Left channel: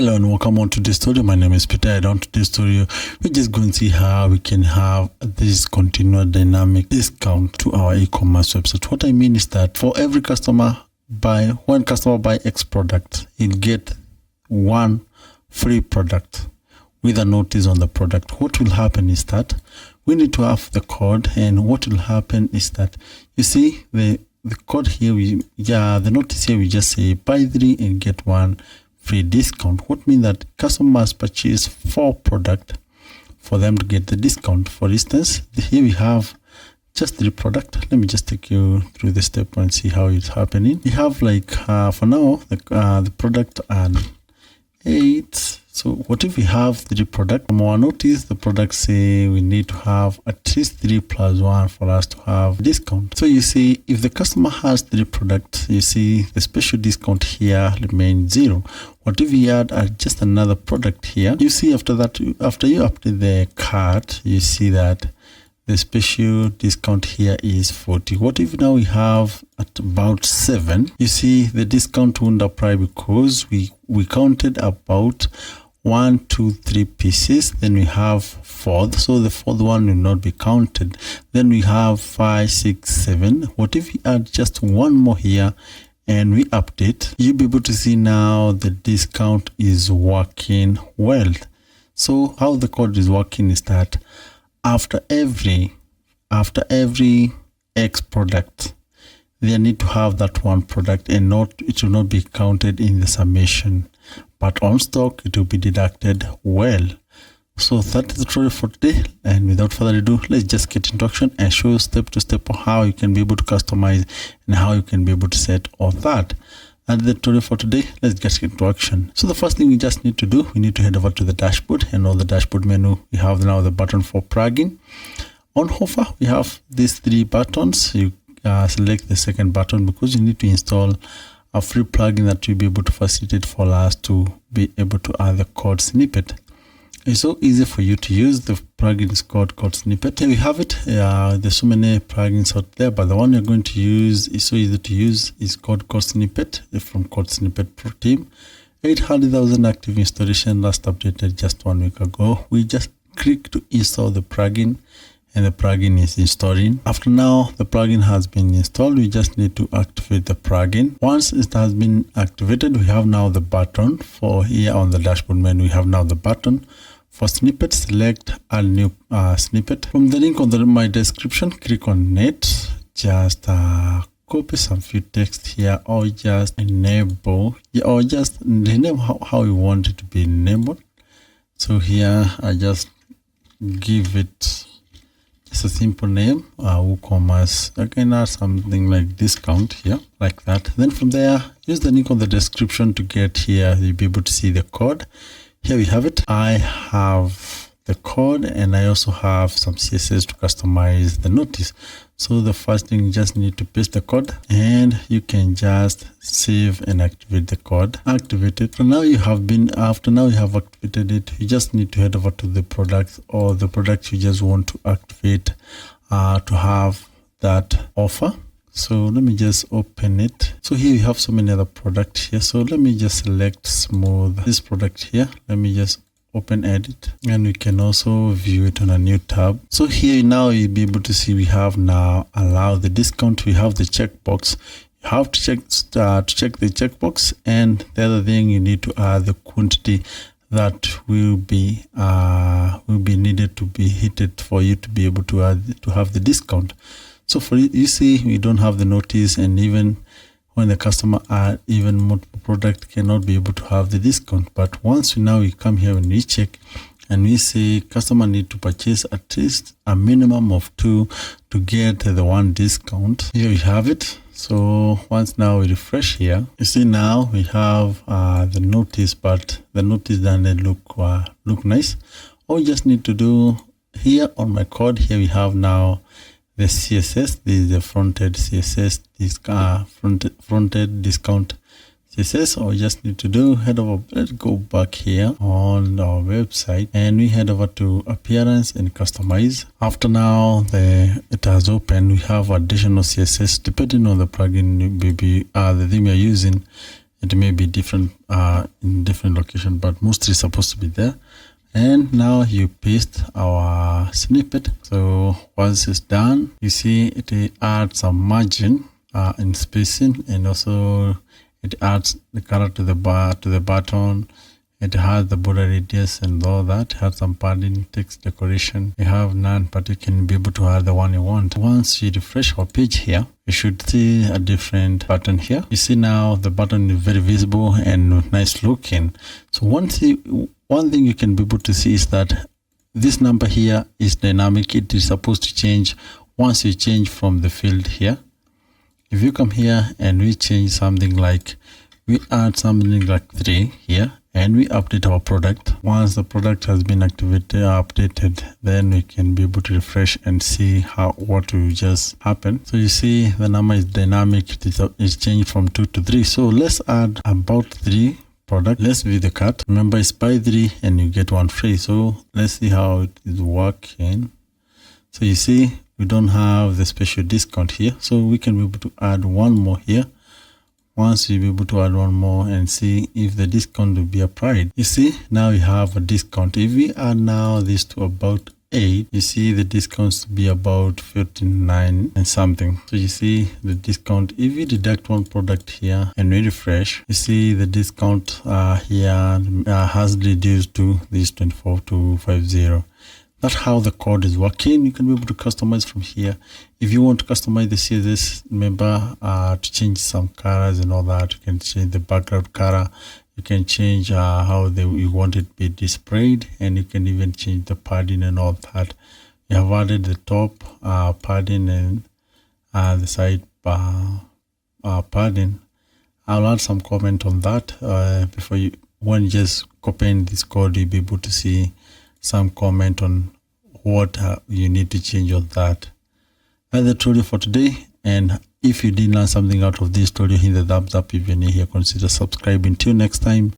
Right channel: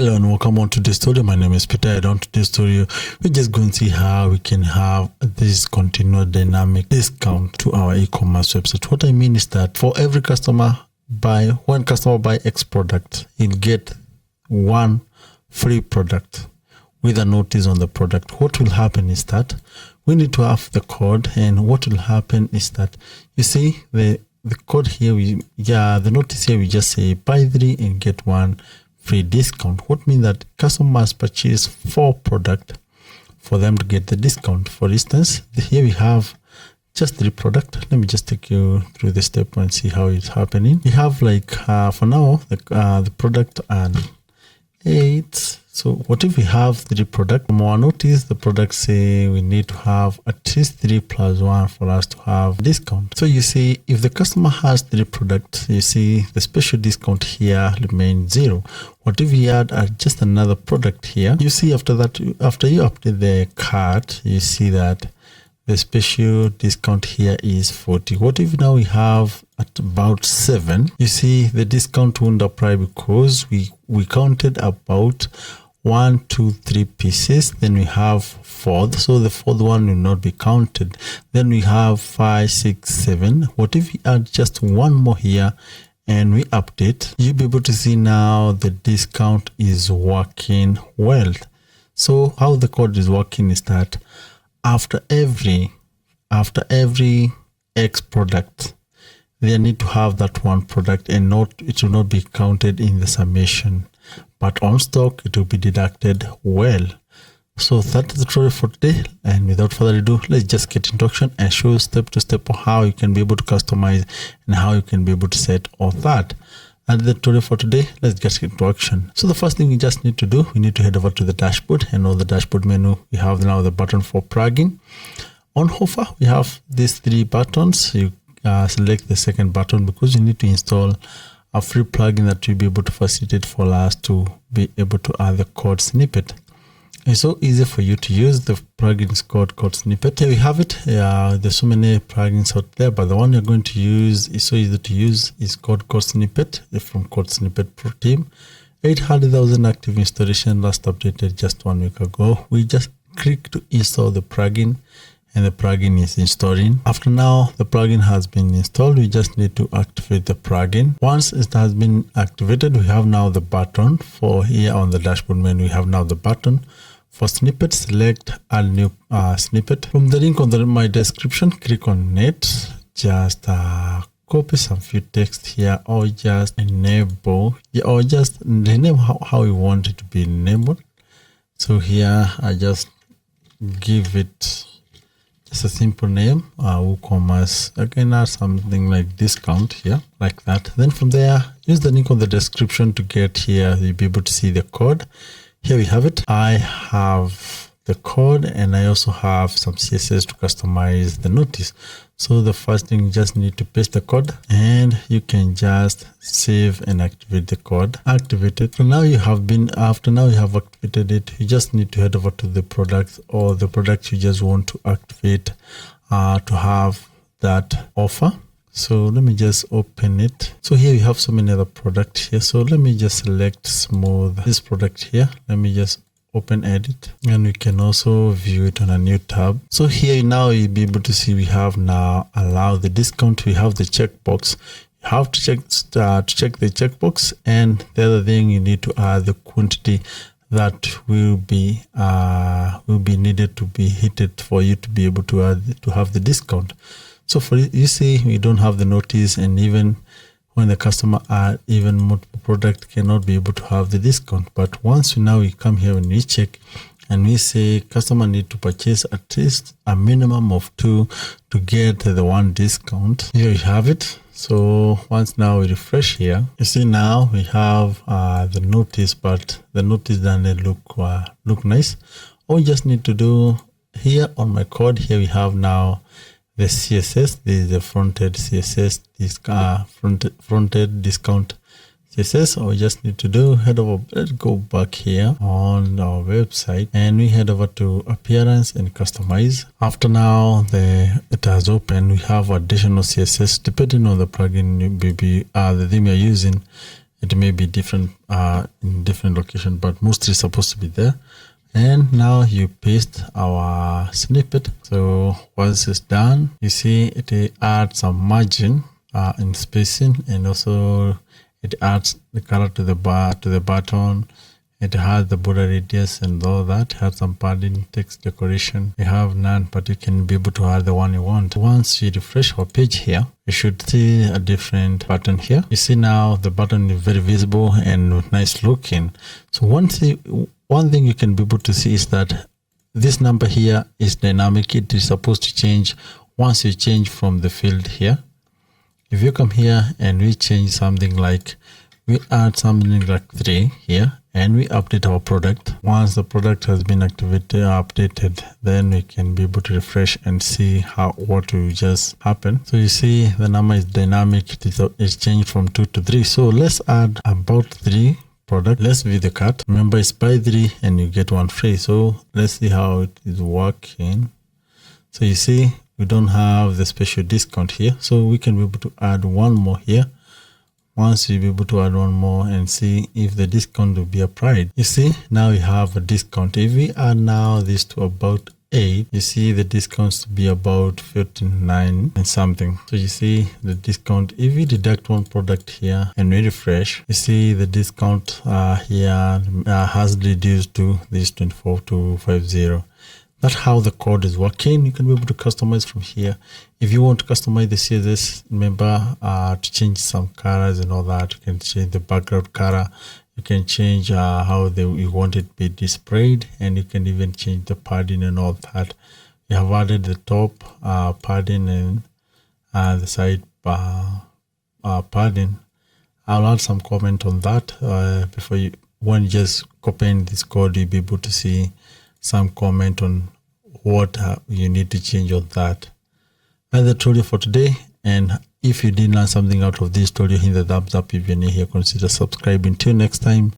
Hello and welcome on to this tutorial. My name is Peter, and on today's tutorial we're just going to see how we can have this continuous dynamic discount to our e-commerce website. What I mean is that for every customer when customer buy X product, he'll get one free product with a notice on the product. What will happen is that we need to have the code, and what will happen is that you see the code here, the notice here, we just say buy 3 and get 1 free discount. What means that customer must purchase 4 products for them to get the discount. For instance, here we have just 3 products. Let me just take you through the step and see how it's happening. We have for now the product and 8. So what if we have 3 products? From our notice, the products say we need to have at least 3 plus 1 for us to have discount. So you see, if the customer has 3 products, you see the special discount here remains 0. What if we add just another product here? You see, after that, after you update the cart, you see that the special discount here is 40. What if now we have at about 7? You see the discount won't apply because we counted about 1, 2, 3 pieces. Then we have 4th, so the 4th one will not be counted. Then we have 5, 6, 7. What if we add just one more here and we update? You'll be able to see now the discount is working well. So how the code is working is that after every X product, they need to have that one product, and it will not be counted in the summation, but on stock it will be deducted well. So that is the tutorial for today, and without further ado, let's just get into action and show step to step how you can be able to customize and how you can be able to set all that. And the tutorial for today, let's just get into action. So the first thing we just need to do, we need to head over to the dashboard, and on the dashboard menu we have now the button for plugin. On offer we have these 3 buttons. You select the second button because you need to install a free plugin that will be able to facilitate for us to be able to add the code snippet. It's so easy for you to use. The plugin is called code snippet. Here we have it. There's so many plugins out there, but the one you're going to use is so easy to use. Is called code snippet from Code Snippet Pro Team. 800,000 active installation, last updated just 1 week ago. We just click to install the plugin, and the plugin is installing. After now the plugin has been installed, we just need to activate the plugin. Once it has been activated, we have now the button for here on the dashboard menu. We have now the button for snippet. Select add new snippet. From the link on my description, click on it. Just copy some few text here, or just enable, or just rename how you want it to be enabled. So here I just give it just a simple name, WooCommerce. I can add something like discount here, like that. Then from there, use the link on the description to get here. You'll be able to see the code. Here we have it. I have the code, and I also have some CSS to customize the notice. So the first thing, you just need to paste the code, and you can just save and activate the code. Activate it. So now after you have activated it, you just need to head over to the products, or the product you just want to activate to have that offer. So let me just open it. So here we have so many other products here. So let me just select smooth this product here. Let me just open edit, and we can also view it on a new tab. So here now you'll be able to see we have now allow the discount. We have the checkbox. You have to check the checkbox, and the other thing, you need to add the quantity that will be needed to be hit for you to be able to have the discount. So for you see, we don't have the notice, and even when the customer add even multiple product, cannot be able to have the discount. But once we come here and we check, and we say customer need to purchase at least a minimum of 2 to get the 1 discount. Here we have it. So once now we refresh here, you see now we have the notice, but the notice doesn't look nice. All we just need to do here on my code, here we have now the CSS. This is the fronted CSS, this fronted discount CSS. All we just need to do, head over, let's go back here on our website, and we head over to appearance and customize. After now it has opened, we have additional CSS depending on the plugin, the theme you're using. It may be different in different location, but mostly supposed to be there. And now you paste our snippet. So once it's done, you see it adds some margin in spacing, and also it adds the color to the button. It has the border radius and all that. It has some padding, text decoration. You have none, but you can be able to add the one you want. Once you refresh our page here, you should see a different button here. You see now the button is very visible and nice looking. So one thing you can be able to see is that this number here is dynamic. It is supposed to change once you change from the field here. If you come here and we change something like, we add something like 3 here, and we update our product. Once the product has been updated, then we can be able to refresh and see what will just happen. So you see the number is dynamic. It's changed from 2 to 3. So let's add about 3 product. Let's view the cart. Remember, it's buy 3 and you get 1 free. So let's see how it is working. So you see we don't have the special discount here, so we can be able to add 1 more here. Once you be able to add 1 more and see if the discount will be applied. You see now we have a discount. If we add now this to about 8, you see the discounts to be about 59 and something. So you see the discount. If we deduct 1 product here and we refresh, you see the discount here has reduced to this 24 to 50. That's how the code is working. You can be able to customize from here. If you want to customize the CSS, remember to change some colors and all that. You can change the background color. You can change how you want it to be displayed, and you can even change the padding and all that. You have added the top padding and the side padding. I'll add some comment on that when you just copying this code, you'll be able to see some comment on what you need to change on that. That's the tutorial for today. And if you did learn something out of this tutorial, hit the thumbs up. If you're new here, consider subscribing. Till next time.